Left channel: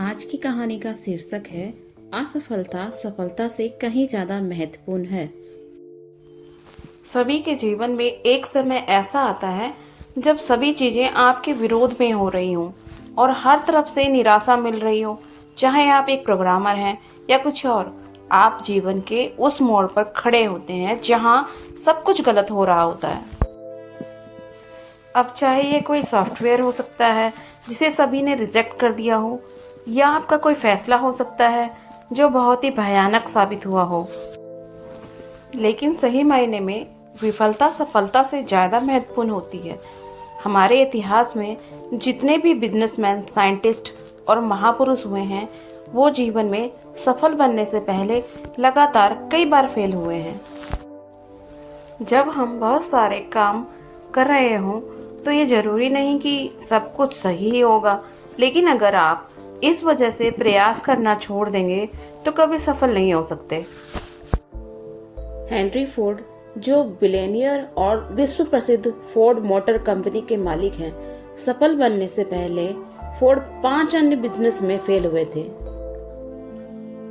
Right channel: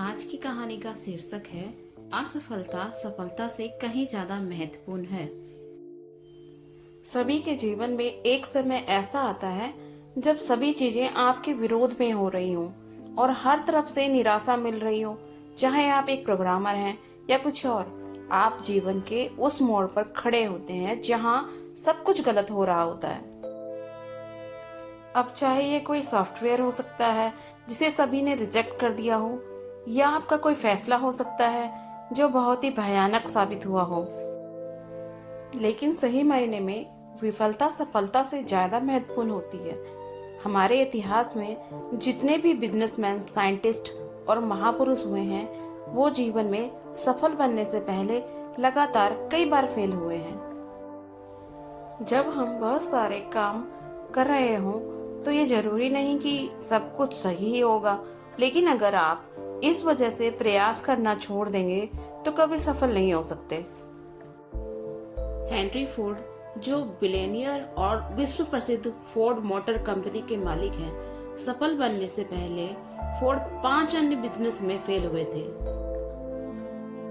आज की कहानी का शीर्षक है असफलता सफलता से कहीं ज्यादा महत्वपूर्ण है। सभी के जीवन में एक समय ऐसा आता है जब सभी चीजें आपके विरोध में हो रही हों और हर तरफ से निराशा मिल रही हो। चाहे आप एक प्रोग्रामर हैं या कुछ और, आप जीवन के उस मोड़ पर खड़े होते हैं जहां सब कुछ गलत हो रहा होता है। अब चाहे ये कोई सॉफ्टवेयर हो सकता है जिसे सभी ने रिजेक्ट कर दिया हो, या आपका कोई फैसला हो सकता है जो बहुत ही भयानक साबित हुआ हो। लेकिन सही मायने में विफलता सफलता से ज़्यादा महत्वपूर्ण होती है। हमारे इतिहास में जितने भी बिजनेसमैन, साइंटिस्ट और महापुरुष हुए हैं, वो जीवन में सफल बनने से पहले लगातार कई बार फेल हुए हैं। जब हम बहुत सारे काम कर रहे हों तो ये जरूरी नहीं कि सब कुछ सही ही होगा, लेकिन अगर आप इस वजह से प्रयास करना छोड़ देंगे तो कभी सफल नहीं हो सकते। हेनरी फोर्ड, जो बिलियनियर और विश्व प्रसिद्ध फोर्ड मोटर कंपनी के मालिक हैं, सफल बनने से पहले फोर्ड 5 अन्य बिजनेस में फेल हुए थे।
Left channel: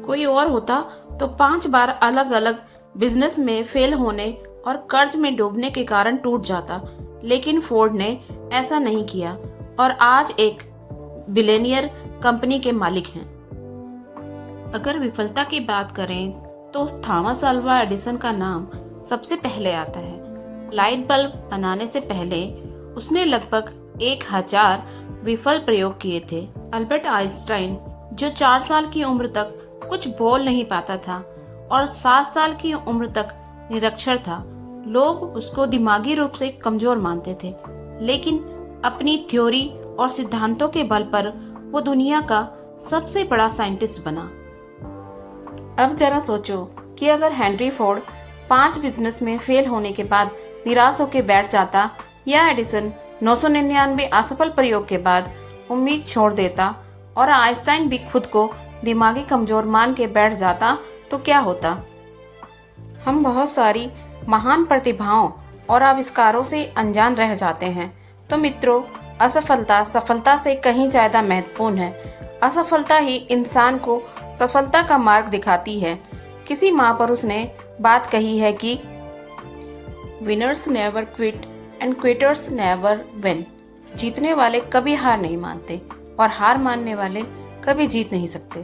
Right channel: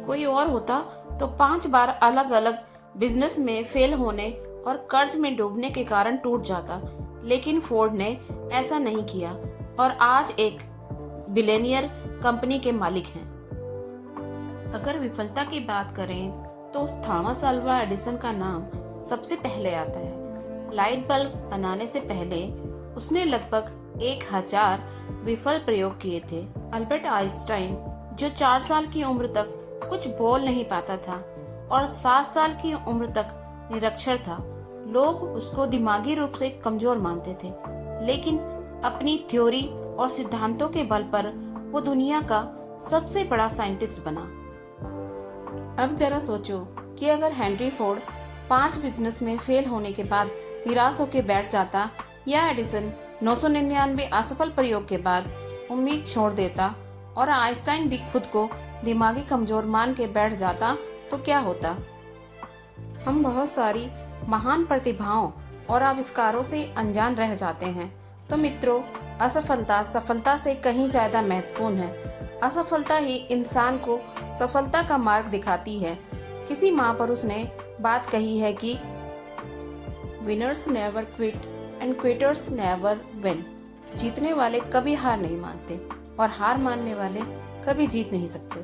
कोई और होता तो 5 बार अलग अलग बिजनेस में फेल होने और कर्ज में डूबने के कारण टूट जाता, लेकिन फोर्ड ने ऐसा नहीं किया और आज एक बिलियनियर कंपनी के मालिक हैं। अगर विफलता की बात करें तो थॉमस अल्वा एडिसन का नाम सबसे पहले आता है। लाइट बल्ब बनाने से पहले उसने लगभग 1000 विफल प्रयोग किए थे। अल्बर्ट आइंस्टाइन, जो 4 साल की उम्र तक कुछ बोल नहीं पाता था और 7 साल की उम्र तक निरक्षर था, लोग उसको दिमागी रूप से कमजोर मानते थे, लेकिन अपनी थ्योरी और सिद्धांतों के बल पर वो दुनिया का सबसे बड़ा साइंटिस्ट बना। अब जरा सोचो कि अगर हेनरी फोर्ड 5 बिजनेस में फेल होने के बाद निराश होकर बैठ जाता, या एडिसन 999 असफल प्रयोग के बाद उम्मीद छोड़ देता और आइंस्टाइन भी खुद को दिमागी कमजोर मान के बैठ जाता, तो क्या होता? हम बहुत सारी महान प्रतिभाओं और आविष्कारों से अनजान रह जाते हैं। तो मित्रों, असफलता सफलता से कहीं ज्यादा महत्वपूर्ण है। असफलता ही इंसान को सफलता का मार्ग दिखाती है। किसी महापुरुष ने बात कही है कि winners never quit and quitters never win. जीतने वाले कभी हार नहीं मानते और हार मानने वाले कभी जीत नहीं सकते।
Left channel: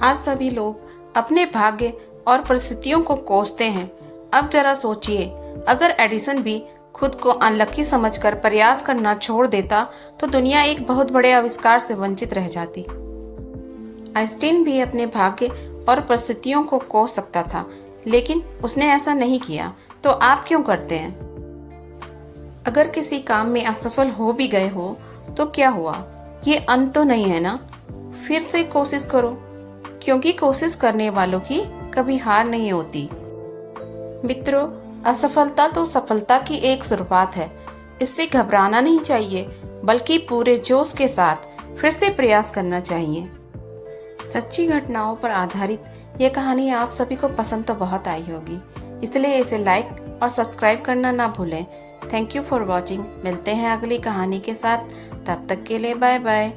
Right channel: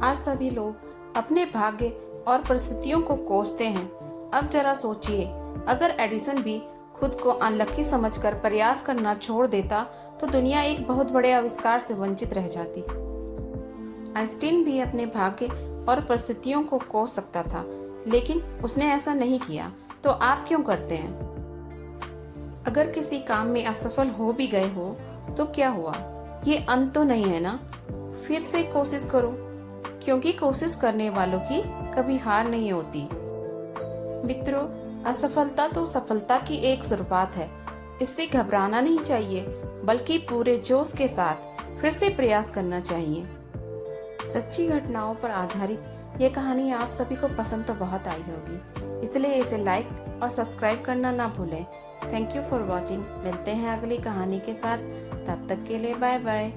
आज सभी लोग अपने भाग्य और परिस्थितियों को कोसते हैं। अब जरा सोचिए, अगर एडिसन भी खुद को अनलकी समझकर प्रयास करना छोड़ देता तो दुनिया एक बहुत बड़े आविष्कार से वंचित रह जाती। आइंस्टीन भी अपने भाग्य और परिस्थितियों को कोस सकता था, लेकिन उसने ऐसा नहीं किया। तो आप क्यों करते हैं? अगर किसी काम में असफल हो भी गए हो तो क्या हुआ, ये अंत तो नहीं है ना। फिर से कोशिश करो, क्योंकि कोशिश करने वालों की कभी हार नहीं होती। मित्रों, असफलता तो सफलता की एक शुरुआत है। इससे घबराना नहीं चाहिए, बल्कि पूरे जोश के साथ फिर से प्रयास करना चाहिए। सच्ची घटनाओं पर आधारित यह कहानी आप सभी को पसंद तो बहुत आई होगी, इसलिए इसे लाइक और सब्सक्राइब करना ना भूलें। Thank you for watching. मिलते हैं अगली कहानी के साथ, तब तक के लिए बाय बाय।